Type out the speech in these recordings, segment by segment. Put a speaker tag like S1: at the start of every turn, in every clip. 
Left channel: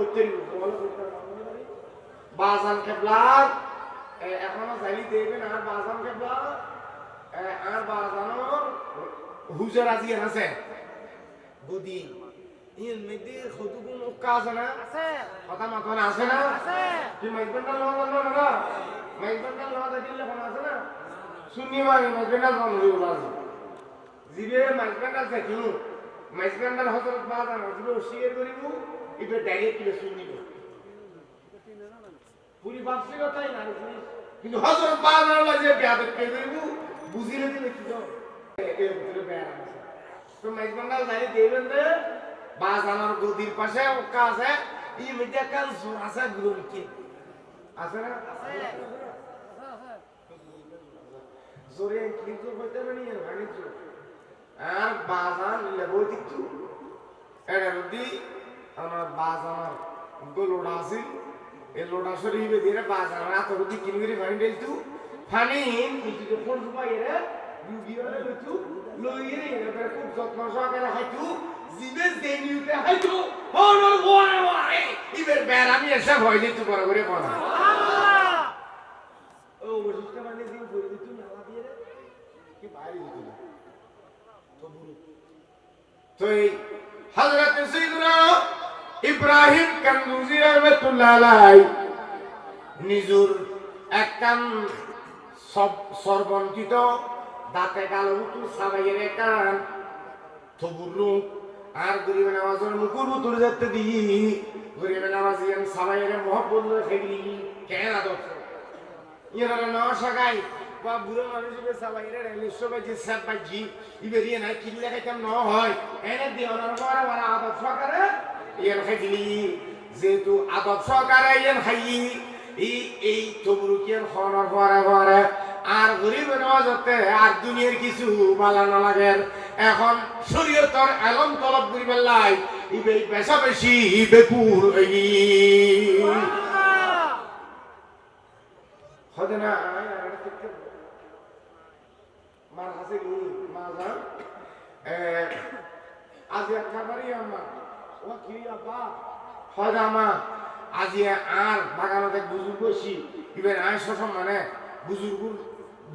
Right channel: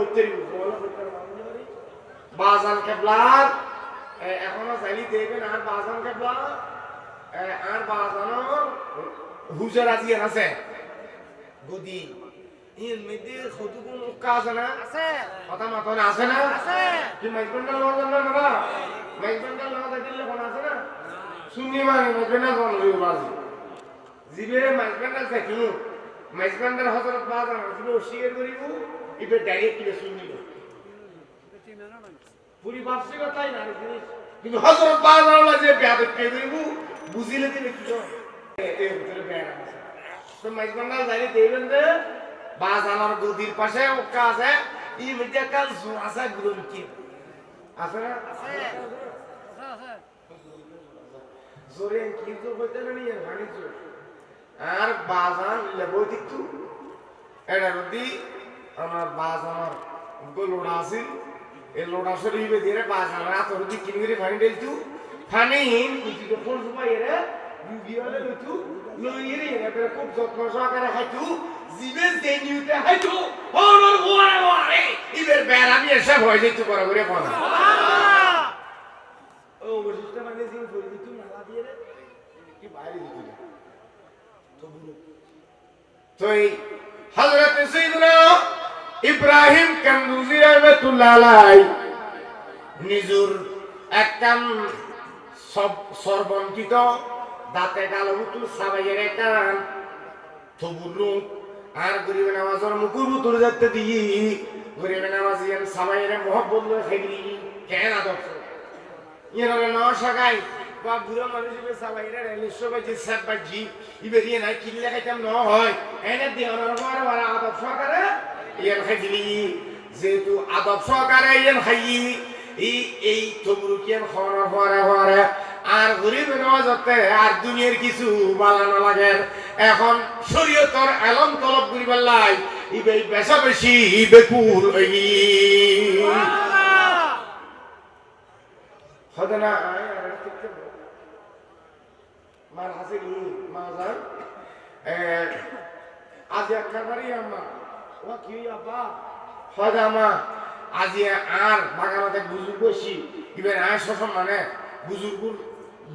S1: হইতে বাজান কেবলার এখনও চাইলি দেখবেন আর বাজান কেবলা আর বাজানোর হুজুর আজি আছে। গদি ইন মধ্যে কতগুণ উক্কা আছে না?
S2: আছে।
S1: কথা মাথন আছে না?
S2: আছে।
S1: কি মাইকবান্ডার লওয়া জানো না না মাইকবান্ডার লওয়া দিলে কোন আছে না? শুনি মানে মাইকবান্ডার কোন হইব বাজি জিবে মাইকবান্ডার থাকি মাইকবান্ডার হজরত বাজান জিবে অস্বীকার করিব ইবে ডাইরেক্ট কিনে শুনিব পুরি বার্ষিকতাই না জিনিস কিন্তু হজরত বাজান যে বেয়াদব কে করিব বুঝিলে দিলে কি হয় এর ভিতরে বেয়াদব আছে। তো জানি দেবেন দে বাজানোর গদির পাশে ওকা আছে, ই মধ্যে কাল জোর আছে, গুরুর কি? আছে না? জোরে কিন্তু হইতে জোর। আর বাজান লেবো দিতু এটা রদি আমার বাজানোর গো লোড়া আছিল এই লোড়া শরীফে দিয়ে বাজান রাত রদি কিন করে ভাঙি দিলতু ফানি হিন কুচিকে ফোন সুপাই রে রুগী হলে লইতু এবারে খুব যত্ন সহকারে হাইতু জিবে দেনিউতে হাইতু গোয়ারে ইবের বেড়ামি এসে ভয় দিতু করে করে কোনা ও অবশিষ্ট মানে জিন করে দিতু নালা দিয়ে রে। কি বাইরে দিতু তো বুড়ো। তো এই হযরত সাইয়্যিদনা ইব্রাহিম কান্দুজি রাহমাতুল্লাহ নিজুর একখান সব সর্বঙ্কিত দাঁতে কালো মুতু সাবাইয়ের একখান থবুরু আর গরিবের নামাজের মুকুর মুতুর যাতে দিই। গরিবের নামাজিয়ান সাবাইয়ের মহব্বত খেগলি কেন আদর্শ? ইয়ারা না সাগাই বা বুড়ো মানুষ ইবে সাবাইরে রেলিশো বাজি সাত বাজি ইবে রিয়ে নাই, কিল্লে খাইতাম, ন হয়। এনে দিওনার পর বড় আদব সহকারে ইয়ান খাইছিলি, যেহেতু আদব সহকারে ইয়ান এই এই তবুরু কিয়ান খাওয়ানোর পরে পরে আর গরিব আর দুনিয়ার কিছু লাগে এখন শরীয়তর এলম তলব করিবার লাই ইবে বেশা বেশি বেকুল হই হতে না? মার হাসে মা যান আজ বাড়ি হয় আজি আর বাগানতে বুজুর্গ বসি ইবেন আয় শোষণ মানে বুজুর্গ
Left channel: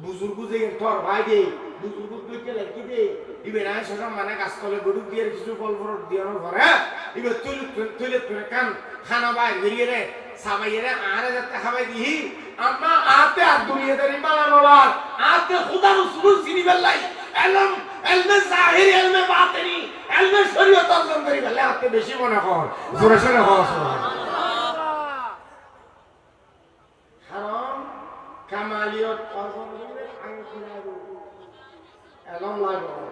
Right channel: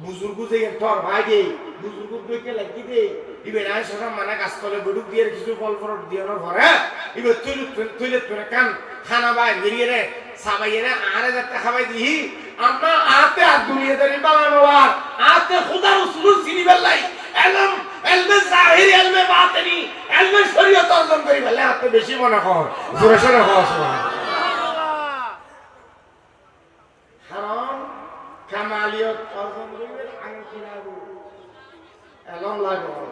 S1: বুজুর্গ যে তোর ভাই দে বুজুর্গ কইতে লাগি দে ইবেন আয় শোষণ মানে গাছতলে গরুক দিয়ে কিছু ফল ফল দিয়ানোর পরে ইবে তুই তুই তুই কান খানা বাই গিরিয়ে রে সাবাইয়ে রে আরে যাতে খাবাই দিহি। আমরা আতে আর দুনিয়াতে বানানো আর আতে খুদা রসুল চিনি বেলাই এলম, এলমে জাহির এলমে বাতিনি। এলমে শরীয়ত অর্জন করি বেলে আতে বেশি মনে কর জোরে সোরে হওয়া হারাম কামালিয়ত অর্জন করিবে আগে কি লাগবে এলম লাগবে।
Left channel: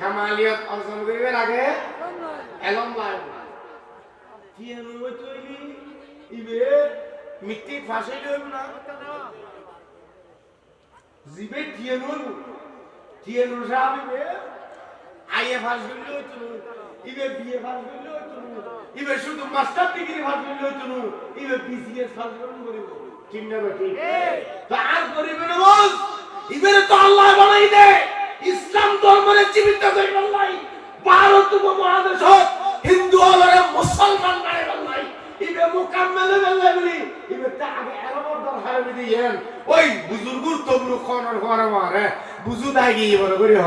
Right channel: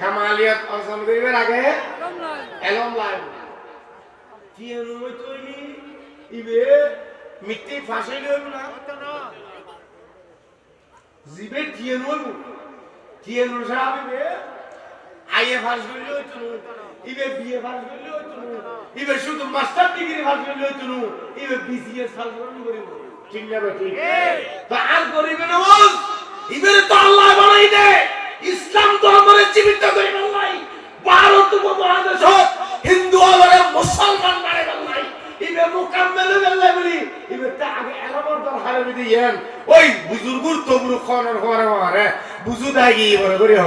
S1: কামালিয়ত অর্জন করিবে আগে। এলম তিয়ানো মই তৈলি ইবে মিট্টি ফাঁসে লইব না? জিবে তিয়ানো হইব তিয়ানো সাহেব ইবে আইএ ফাঁস করলে হইতো না ইবে বিএ ফাঁস করলে হইতো না ইবে শুধু মাস্টার ডিগ্রি ফাঁস করলে হইতো না ইবে বিসিএস ফাঁস করলে করিব ঠিক না ঠিক। তো আর করিবে না বল ইবেরে তো আল্লাহ বানাই দে ইসলাম ধর্মের জীবিত করি বাংলাই ভারত উপমহাদেশ হিন্দু আলরে মুসলমান বানাই বাংলাই ইবে মুকাম্মেল বেল্লাই বলি ইবে তা আগে এলামর দর হারে বিদি ইয়ান ওই বুজুর্গুর তবরু খনের হরে মারে বুজু দাগি বলে করি হ।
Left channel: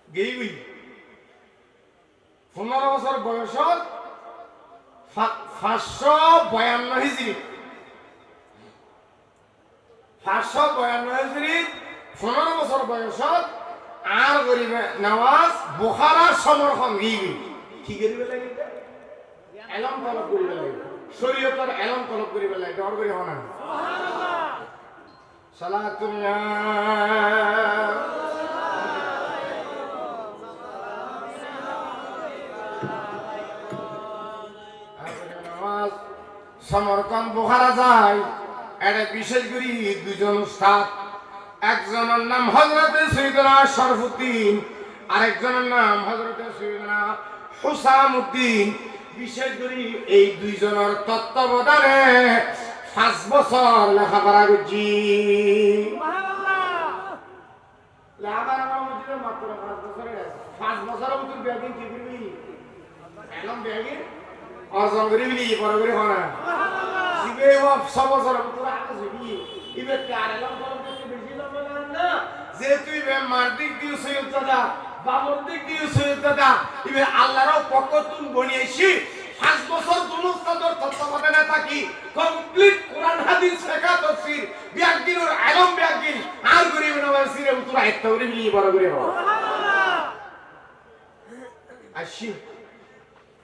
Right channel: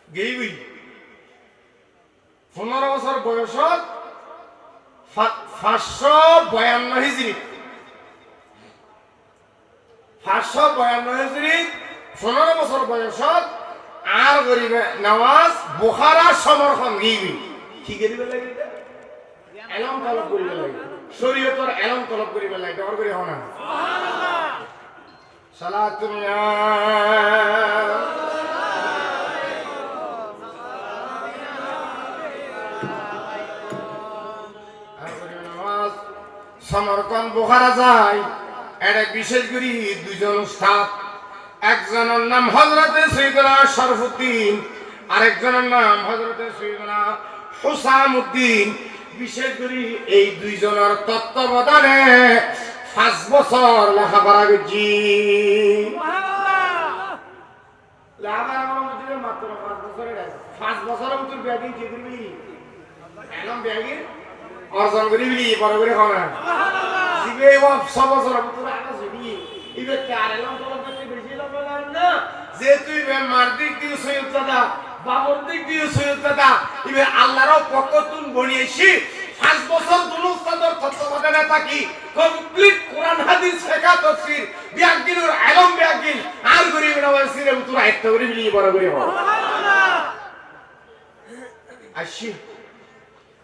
S1: গেইবই পনেরো বছর বয়সত পাঁচশো বয়ান্ন হিজড়ি। পাঁচশো বয়ান্ন হিজড়ি পনেরো বছর বয়সত আর গরিবে নওয়াজ বুখারার সমর্থন দিবি কি করিবে লাগে? এলম তলব করিবে লাগে। শরীয়তর এলম তলব করিবে লাগে। ডর করি হনা। সালাতুল্লাহ সমরকন বোখারা যায়। এটা বিশেষ করে দুজন উস্তাদ। একজনের নাম হজরতে সৈদনা শরফুদ্দিন আরেকজনের নাম হজরতে সৈদনা হুসামুদ্দিন। বিশেষ করে এই দুইজনের তত্ত্বাবধানে পাঁচ বছর লেখাপড়া করছি। মাত্র পাঁচ বছরের পাঁচ বছরের মধ্যে ব্যাগিং কি করবি? এলম ব্যাগিং? অর্জন করিবি বড় করে হয় সিবে সব বছর মতো আগে যাবি ইবে চার এলম? তোর কাছে বেশি লম্বা না। যে তুই বে মার দিক দিয়ে সৈয়দ দাদা, বাবর দিক দিয়ে সৈয়দ দাদা ইবে আল্লাহরও পক্ষ তুন বনিয়েছি। পাঁচ বছর তুন উস্তাদর তত্ত্বাবধানে থাকি। কমপ্লিট কোরআন, হাদিস শেখা তফসির। বিয়াকিনুর আলম বিয়াকিন আর গরিব নবার সিরে উত্তর আয়ত্ত করে বিলি, বড় করে হয়। আসি।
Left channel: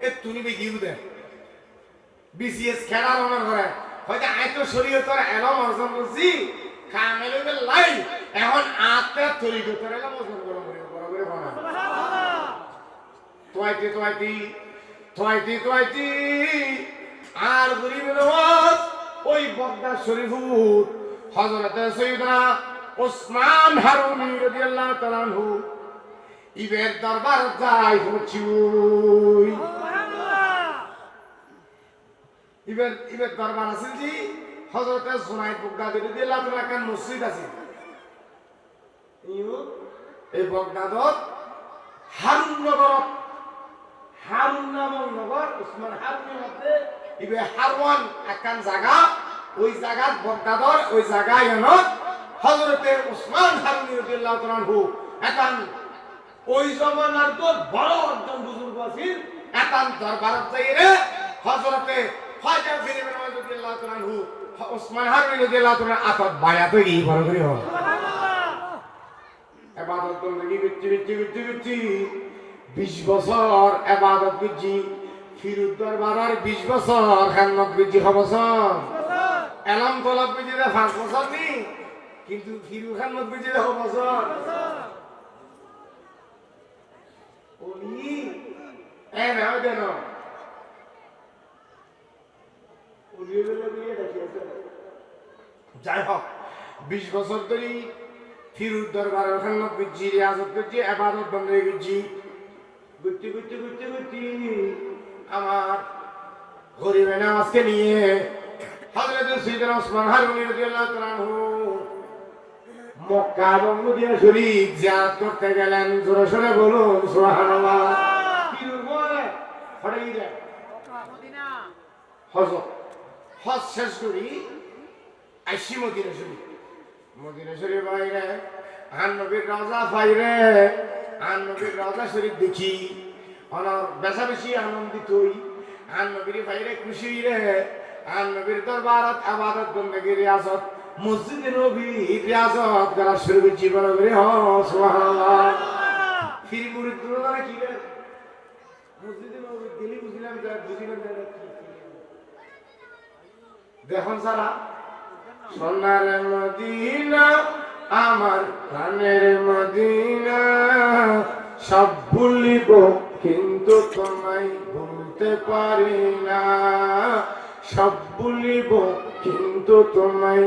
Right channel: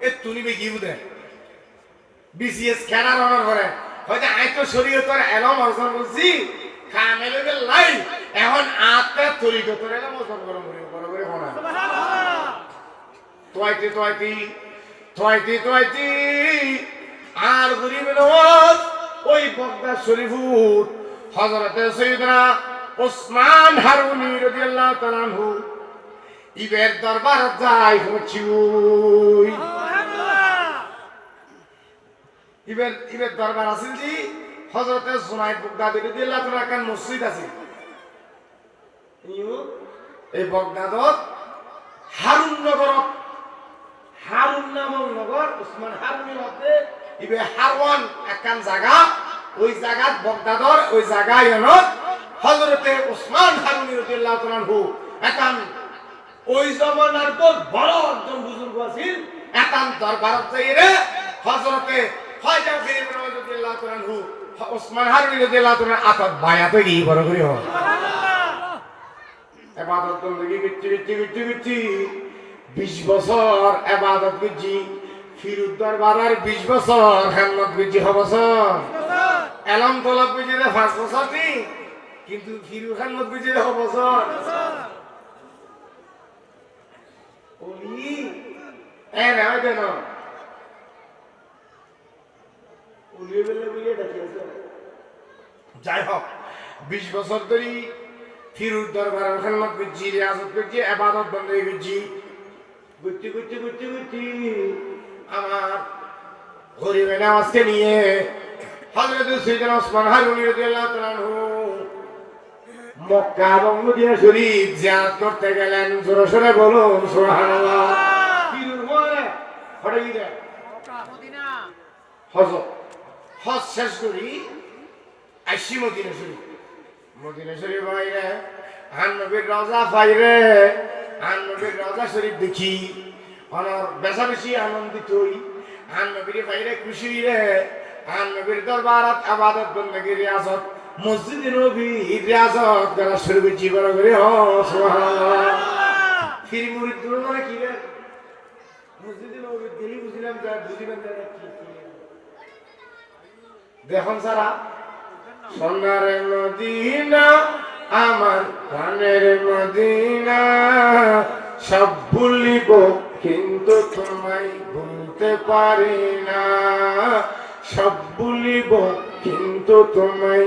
S1: এ তুলিবে কি বুঝে বিসিএস খেলা রনের করে হয়তো আই তো শরীয়তের এলম অর্জন করছি কামেলে লাই। এখন আতে তরিকতের এলম অর্জন করম করিব বড় করে হনা আর গরিব নওয়াজ ওই বগদা শরীফুর হযরতে সৈয়দনা ওসমান হারুনি রাদিয়াল্লাহু তাআলা ইবের দরবার যাই হচ্ছি ওই ইবের ইবের দরবার আছিল জি হজরতে সোনাই বগদাদ দিয়ে আল্লাহ তাআলা কান মসজিদ আছে এই বগদাদত হারুন নগরত। হারুন নামক নগর উসমান হারুনের মধ্যে। ইবে হারওয়ান একান জায়গা ওই জায়গাত বগদাদর ওই জায়গায় হজরতে উসমান হারুনি রাদিয়াল্লাহু তাআলা একান ওই জমানার তো বড় একজন বুজুর্গ আছিল একান দরবারত যাইরে হজরতে খাজা ফিরিদ রাদিয়াল্লাহু আনহু উসমান হারুনি রাদিয়াল্লাহু তাআলা আতাত বায়াত গিয়ে বড় করে হয় এবাদত বন্দী করছি করছি করছি করছি? বিশ বছর এবাদত করছি। ফিরুদ দরবারের বিশ বছর হেলমত করছি ছ বছর। এলম তলব করছি যে পাঁচ বছর নি কিন্তু ফিরু হেলমত করছি ছ বছর। বেলে বুলিয়ে দেখিয়েছে যাই হোক বিশ বছর ধরে ফিরুর দরবার খেলমত করছি রিয়াজত করছি এবাদত বন্ধ গেছি ঘুরতে ঘুরতে ঘুরতে ঘুরতে আমার গরিবে নামাজকে নিয়ে হজরত সৈয়দনা ওসমান হারুনি রাদিয়াল্লাহু তাআলা মক্কা এবং মদিনা শরীফ জিয়ারত করতে গেলেন, জোরে সোরে বলুন, সুবহানাল্লাহ। আনন্দিত খুশি রে। আন নবীর দরবারত আবাদত বন্দেগি রিয়াজত। মসজিদে নবী রিয়াজত করা শুরু করছি, বড় করে, হ, সুবহানাল্লাহ। ফিরি মুরিদ দুলারে কি রে? মসজিদে নবী গেলি বুঝলাম যে বুঝিবেন যে দেখুন সারা, সোনার মদিনা, আমার প্রাণের মদিনা, সব ভুলিব, কিন্তু তোমায় ভুলতে পারি না। সব ভুলিব, কিন্তু তোমায়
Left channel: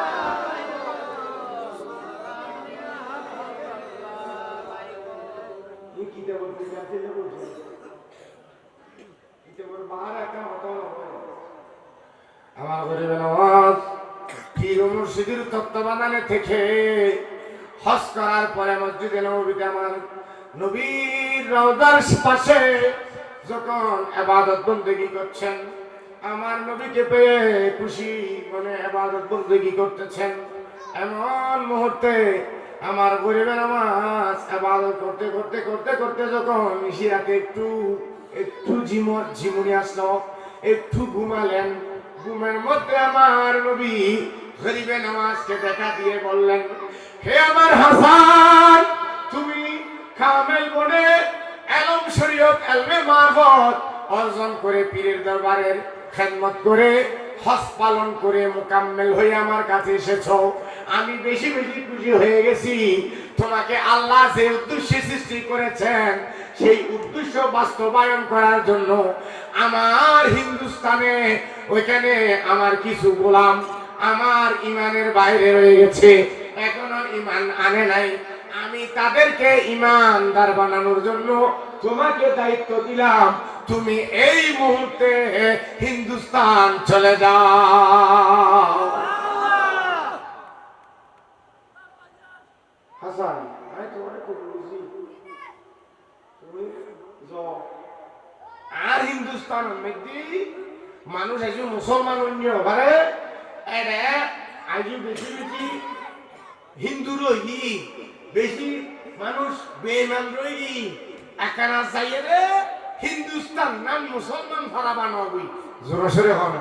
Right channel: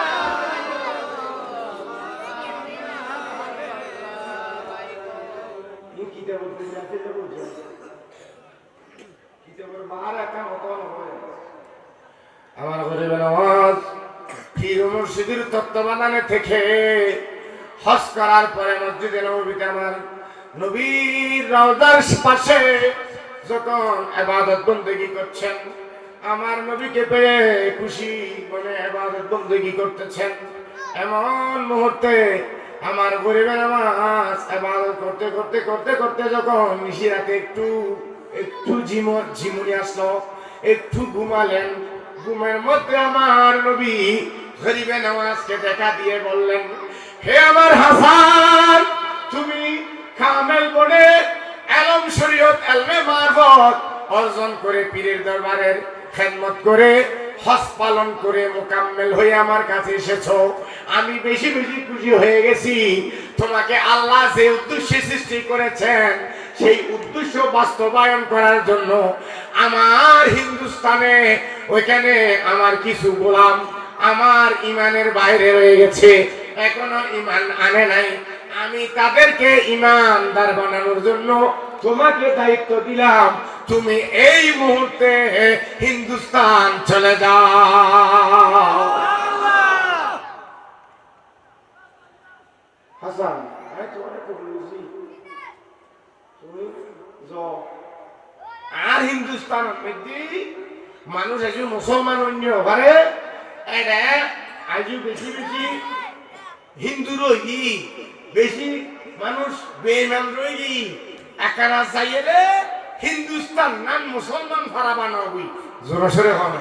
S1: মাগরিবে নামাজ পীর মুর্শিদির তত্ত্বাবধানে থেকে হজ করার পরে মসজিদে নবীতে আমার নবীর রওজার পাশে যখন আবাদত বন্দেগি করছেন, আমার নবীকে পেয়ে খুশি মনে আবাদত বন্দেগি করতেছেন। এমন মুহূর্তে আমার গরিবের নামাজ আবাদত করতে করতে করতে করতে যখন মিশিরাতে একটু একটু ঝিমর ঝিমুনি আসলো, একটু ঘুমালেন ঘুমের মধ্যে আমার নবী গরিবে নামাজকে দেখা দিয়ে বললেন, হে আমার হাসান, তুমি কামেল বনে এলম শরীয়ত এলমে মারফত অর্জন করে পীরের দরবারের খেদমত করে হজ পালন করে মোকাম্মেল হয়ে আমার কাছে এসেছ। আমি বেশি বেশি খুশি হয়ে গেছি। তোমাকে আল্লাহ যে উদ্দেশ্যে সৃষ্টি করেছেন সেই উদ্দেশ্য বাস্তবায়ন করার জন্য আমার হিন্দুস্তানে ওইখানে আমার কিছু গোলাম আমার ইমানের বাইরে রয়ে গেছে। এখনও ইমান আনে নাই। আমি তাদেরকে ইমানদার বানানোর জন্য তোমাকে দায়িত্ব দিলাম। তুমি এই মুহূর্তে হিন্দুস্তান চলে যাও। হাসান আমি তোমাকে খুব বুঝি তুমি যাও আর হিন্দুস্তান মানুষ আজ মুসলমান অন্য পারে এটা বেশি বেশি হিন্দু রহি বেশি মানুষ বেনাম রহি একারা চাইয়ে হিন্দুস্তান নাম মুসলমান ফারাবান জোর সরে হন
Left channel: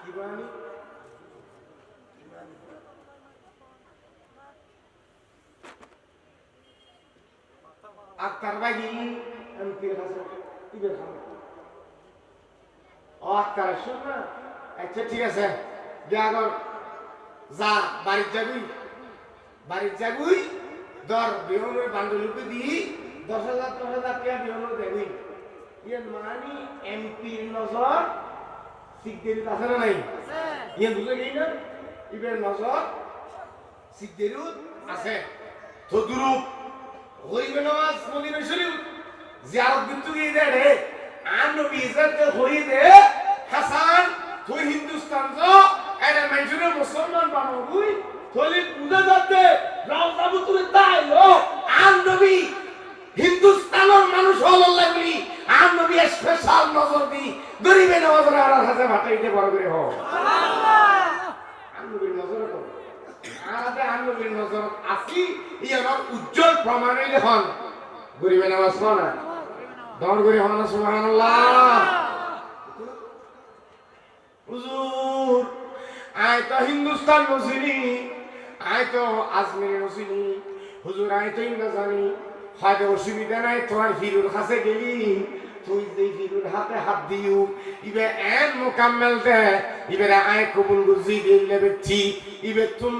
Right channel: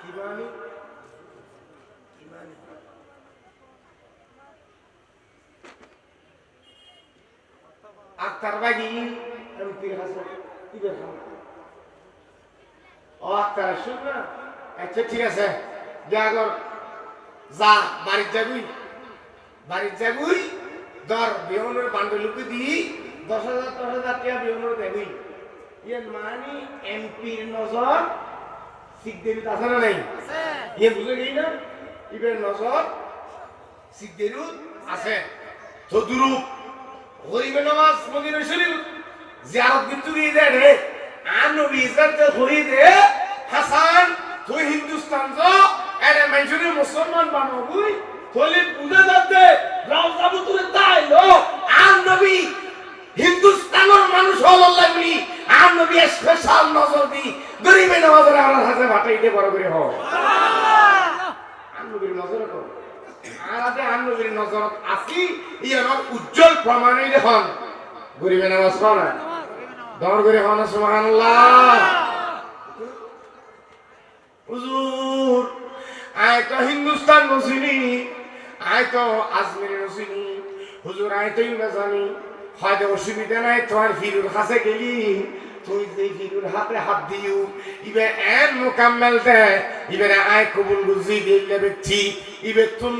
S1: কি বানি কি বানি? আক্তার বাগি আমি তীর হাসান ইবের ও শুন না। আচ্ছা ঠিক আছে। যা বাড়ির যাবি। বাড়ির যাবি দর বিহনের বান্ডলুকে দি। দশ হাজার দশ হাজার টাকা বিহনের দেবি। ইয়ে মানি এমপির নজর আছে না নাই? ইয়ে বুঝে গেই না? ইবের নজর শিখ আছে। গরিবে নামাজ মদিনা শরীফ। জিয়ারত দিতে গিয়ে দে রে। আর নবী ইজ্জত হই দে হাসান, তুই হিন্দুস্তান যো, এরে মানুষের মুসলমান বানাবুই তোলে পূজা যাতে রামজাবু তুলে তাই লো। আর নবী হিন্দুস্তানের মানুষ হল লাগলি। আর নবী স্পেশাল নজর দি। গরিবে নামাজের আর হাতে ভাটাইতে বড় করে হ আর নবীর নজরে কর উজ্জ্বল প্রমাণই দেখুন। গরিবে নামাজ হন হুজুর আয় তো হিন্দুস্তান নসিনি আয় তো আজমির নসিনি হুজুর আয় তো ইউনা জানি হয়তো অসুবিধা নাই, তোমার ফিরুর কাছে গেলি। হাতে হাত দিও ইবে এন মোকাম্মেল দে, ইবে আয় কবুল গুজি দিলে ইবে তুম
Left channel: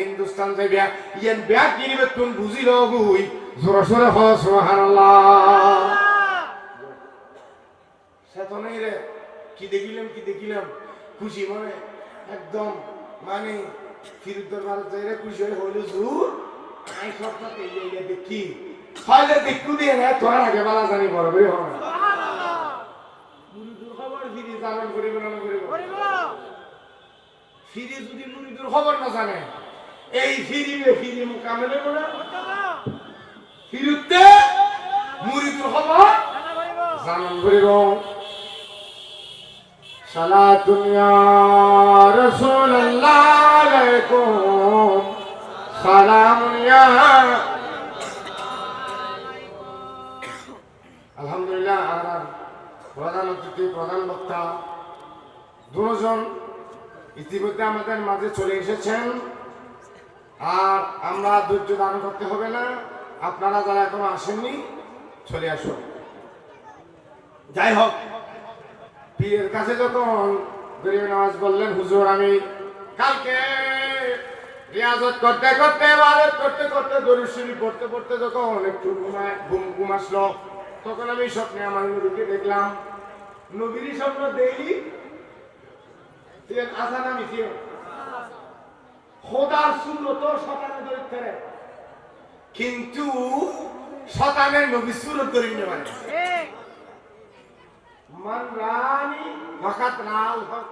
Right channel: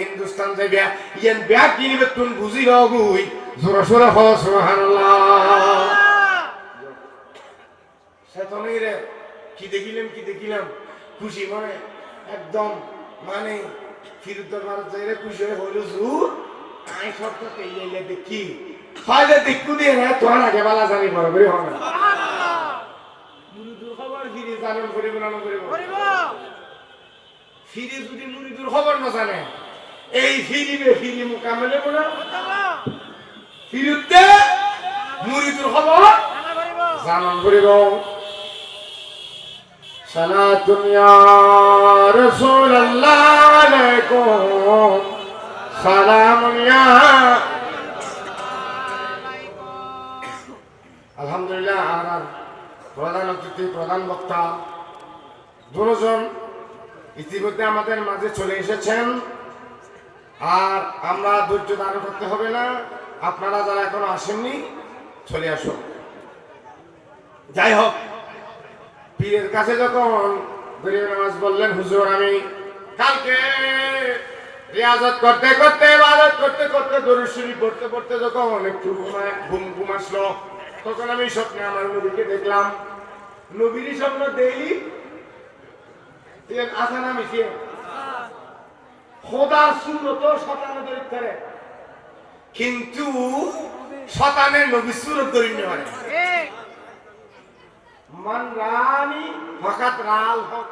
S1: হিন্দুস্তান যাইবা, ইয়েন কিনিবে তুম বুঝি হগুই জোরে সোরে হল সুবহানাল্লাহ। সেতনেই রে, কি দেখিলাম কি দেখিলাম, খুশি মানে একদম মানে ফিরুদ দরবার যাই রে খুশি হয়ে হইল, জুর আই সব তো পেয়ে দেখি। ফাইলে দেখু দিয়ে রে তোর আগে বেলা জানি বড় করে হবে মুরিদুর খবর ফিরে জানেন করিব না করিব। ফিরে যদি মুরিদুর খবর না জানে এই ফিরিবে ফিরি মোকাবেলে বলা। ফিরুতে মুরিদুর খবর জানান করিব। সালা দুনিয়া রসুল আল্লাহ সালাম আলহামদুলিল্লাহ আমার প্রধান অতিথি, প্রধান বক্তা, দুজন ইতিমধ্যে আমাদের মাঝে চলে এসেছেন। আর আমরা ধৈর্য দান করতে হবে না, আপনারা যারা এখনও আসেননি, চলে আসুন। যাই হোক, পীরের কাছে যখন গরিব নামাজ বললেন, হুজুর, আমি কালকে রিয়াজত করতে করতে, ইবাদত করতে করতে দরুদ পড়তে পড়তে যখন একটু ঘুমায় ঘুম ঘুম আসলো তখন আমি স্বপ্নে আমার নবীকে দেখলাম। নবীরই স্বপ্ন দেইলি আসা না মিশে। খোদার সুন্নত শতানে দরিদ করে কিন্তু শতানের নবী সুরত দরিদ মানে মান রানি ফাকাত রাল হক।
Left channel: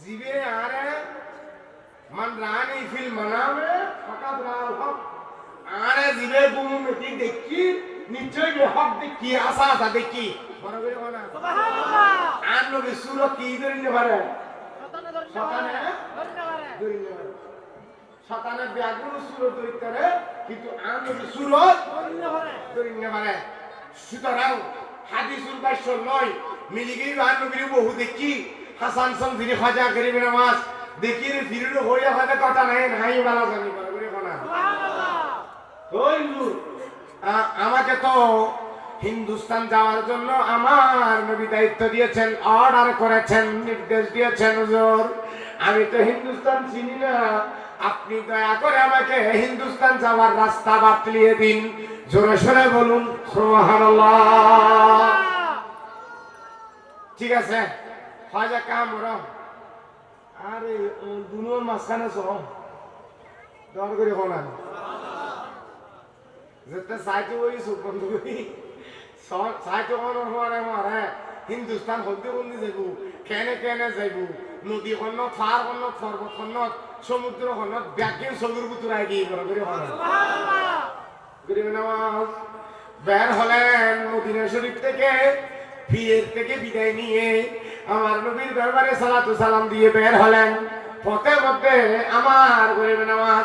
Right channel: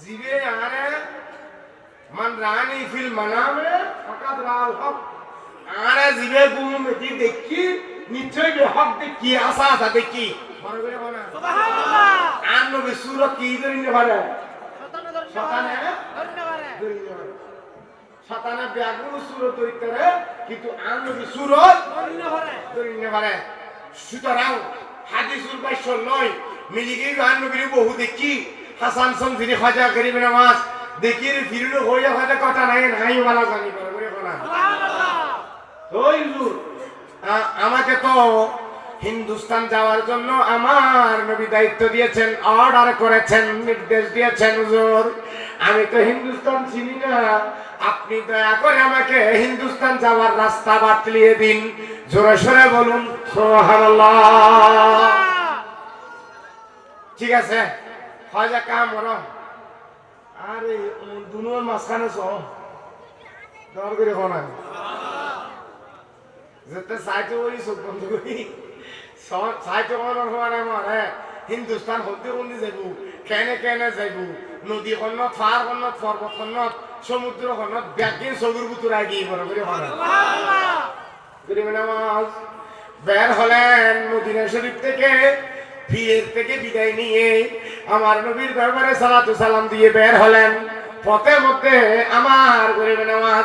S1: জিবে আরে মান রানি ফিল মানামে ফাকাদ রাল হক। আরে জিবে গুম মেতি দেখি। নিশ্চয় বে হক দেখি আশা আশা দেখি? বড় আর নবী সুর কি ধরে শতানে নিতে পারে। শতানে ব্যাগুলো সুর তৈরি করে কিন্তু আর নবী সুর ধরে নিতে পারে। সুতরাং হাদিসুল বাক্য নয় মিলিগি গান নবীর বহু দেখি। হাসান সমজিরি খাজা গরিব নামাজ দেখি ফিরলো হইয়া হয়তো কথা নাই নাই বালা জানি করে ওই আমাকে তো হিন্দুস্তান যাওয়ার জন্য আমার নবী দায়িত্ব দিয়েছেন অর্ডার করেছেন, নির্দেশ দিয়েছেন, হুজুর। আমি তো হিন্দুস্তান চিনি না। আপনি দয়া করে আমাকে হিন্দুস্তান যাওয়ার রাস্তা বাতলিয়ে দিন। জোরে সোরে বলুন ঠিক আছে খাজা কাম করো আরে দুনোর মাঝখানে সহ দর করে কোনা যেতে সাইতে ওই চোখ বন্ধ করি সাইতে মনের হওয়ার আমার হিন্দুস্তান হতে বন্দি যাইব, কেনে কেনে যাইব। নদী খনত ফার খনত পর্বত খনত সমুদ্র খনত ব্যাগিন চকুর বুতুর আগিয়ে বড় করে গরিব বের হলেন মদিনা শরীফ থেকে ভিড়ের থেকে বিদায় নিয়ে। আমার নবীর দরবারে সালাতু সালাম দিয়ে বের হলেন পথের মধ্যে আমার গরিব নামাজ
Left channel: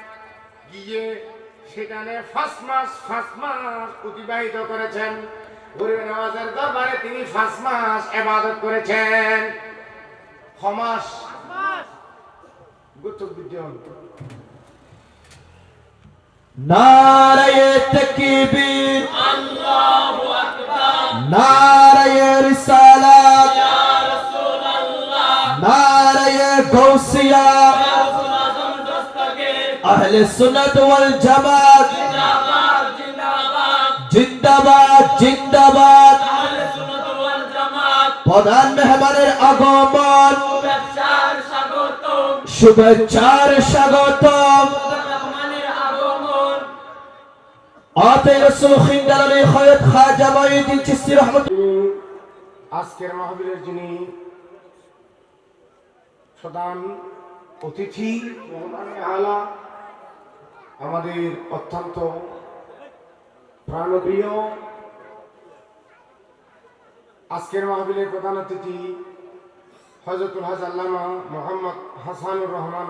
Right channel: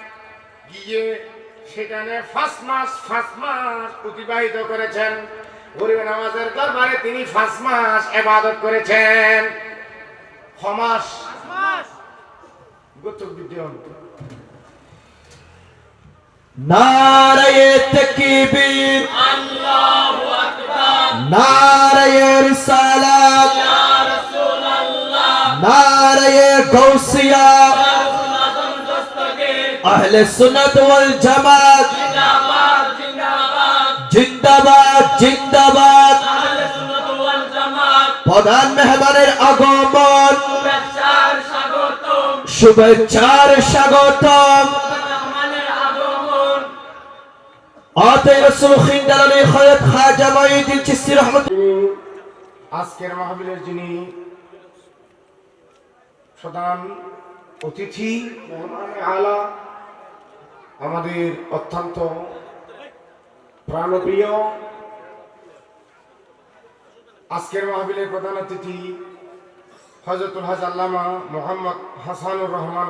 S1: গিয়ে সেখানে ফার্স্ট মাস ফার্স্ট মাস অতিবাহিত করেছেন। গরিবে নামাজের দরবারে তিনি ফার্স্ট মাস এবাদত করেছেন। ছমাস গোত্র বিদ্যান
S2: নারায়ে তাকবীর। আল্লাহু আকবার। আহলে সুন্নাত ওয়াল জামাত। জিন্দাবাদ জিন্দাবাদ। প্রধান মেহমানের আগমন। শুভেচ্ছার স্বাগতম।
S1: আজকের মাহবিলের যিনি প্রধান অতিথি মেহমান আলা আমাদের অত্যন্ত প্রাণপ্রিয় আজকের মাহবিলের প্রধান অতিথি হজরতুল হাজ আল্লামা মোহাম্মদ হাসানুর রহমান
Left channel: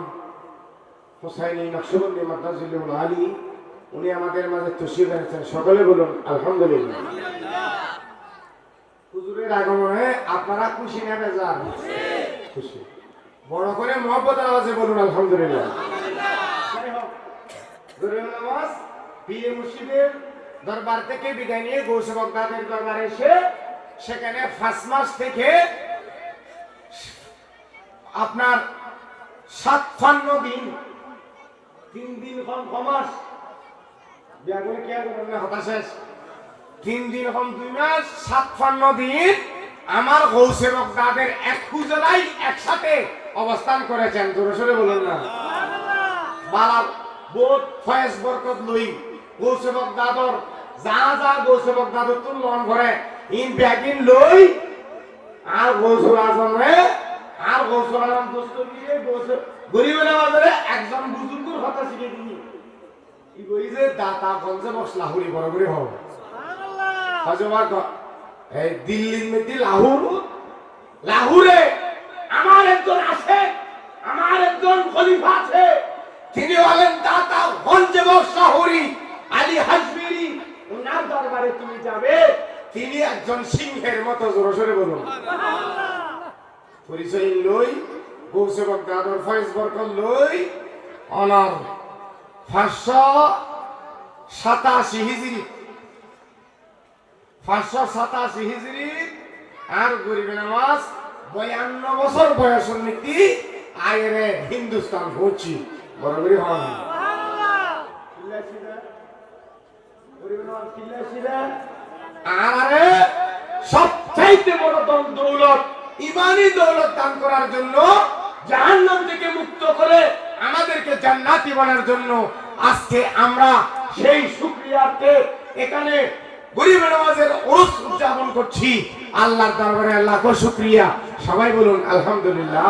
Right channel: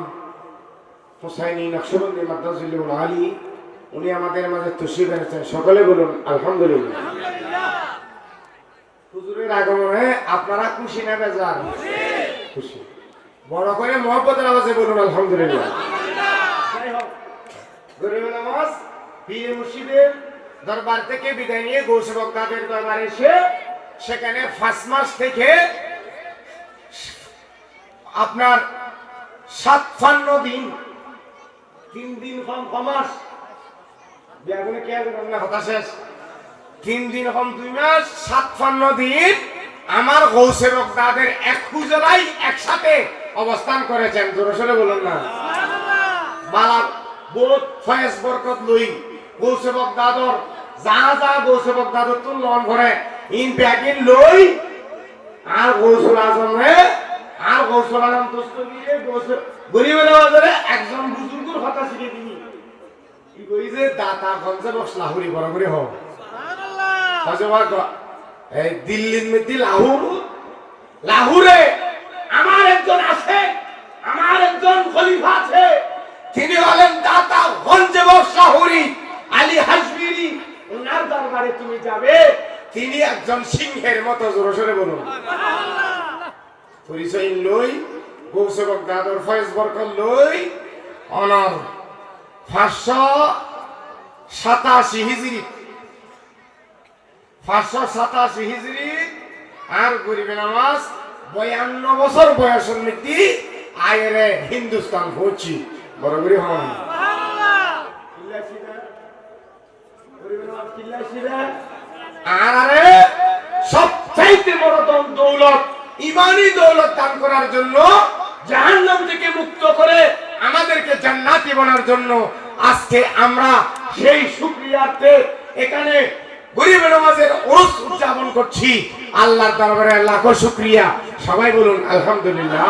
S1: হুসাইনি নকশবন্দি মাদ্রাজুল্লাহ আলী, উনি আমাদের মাঝে তুষি বেড়েছেন সকলে বলুন, আলহামদুলিল্লাহ। হুজুরের আগমনে আপনারা খুশি না বেজার? খুশি। বড় করে মহব্বতের আওয়াজে বলুন, আলহামদুলিল্লাহ। গরিব নামাজ পীর মুর্শিদের দরবার থেকে বিদায় নিয়ে গৌসে বক্তাদের দরবারে এসে সেখানে ফার্স্ট মাস থেকে আপনার সাতফান্ন দিন তিন দিন কম কমাস কে হতাশেষ তিন দিন কম দুই মাস সাতফান্ন দিন আমার এক একসাথে অবস্থান করেছেন। জোরে বলুন না। বালা বোধ ফয়েজ বরকত লই। গৌসে বক্তাদর যা যা গৌসে বক্তাদর তুল লন করে ইন ব্যাগিন লই আর গৌসুল আজম রে আর গৌসুল আজম দোস্ত দিয়ে গৌসুল গরিবের বাজারে একজন বুজুর্গর কথা শিখে দিই ই বই যে দাতা গঞ্জে বস লাহুরি বড় করে হোক হজবার এই দিল্লির মধ্যে লাহুর লাহুরে আমার একজন আছে আমার একজন খলিফা আছে। তিনি হলেন দাতা গঞ্জে বস লাহুরি আলী হাসবিরি ওনার দরবারে তুমি যাবে। তিনি একজন সিংহের মতো জোরে বলুন। পরিচয় লই, গৌসেবক দাদর ফয়েজ বরকত লই, অনর পাঁচশো সাতাশি হিজড়ি পাঁচশো সাতাশি আর গরিবে নামাজ বয়ান্ন বছর বয়সের নীতি আয়েরে হিন্দুস্তান হচ্ছি। আরে, সবচাইতে বড় দৌলত ইমানি দৌলত দান করার জন্য, জাহান্নাম থেকে মুক্ত করে আমাদেরকে জান্নাতি বানার জন্য আজকে আমরা সেই শুকরিয়াতে এখানে গরিব নামাজের ওরস উদযাপন করছি। আল্লাহর দরবারে লাখো শুকরিয়া। সবাই বলুন, আলহামদুলিল্লাহ।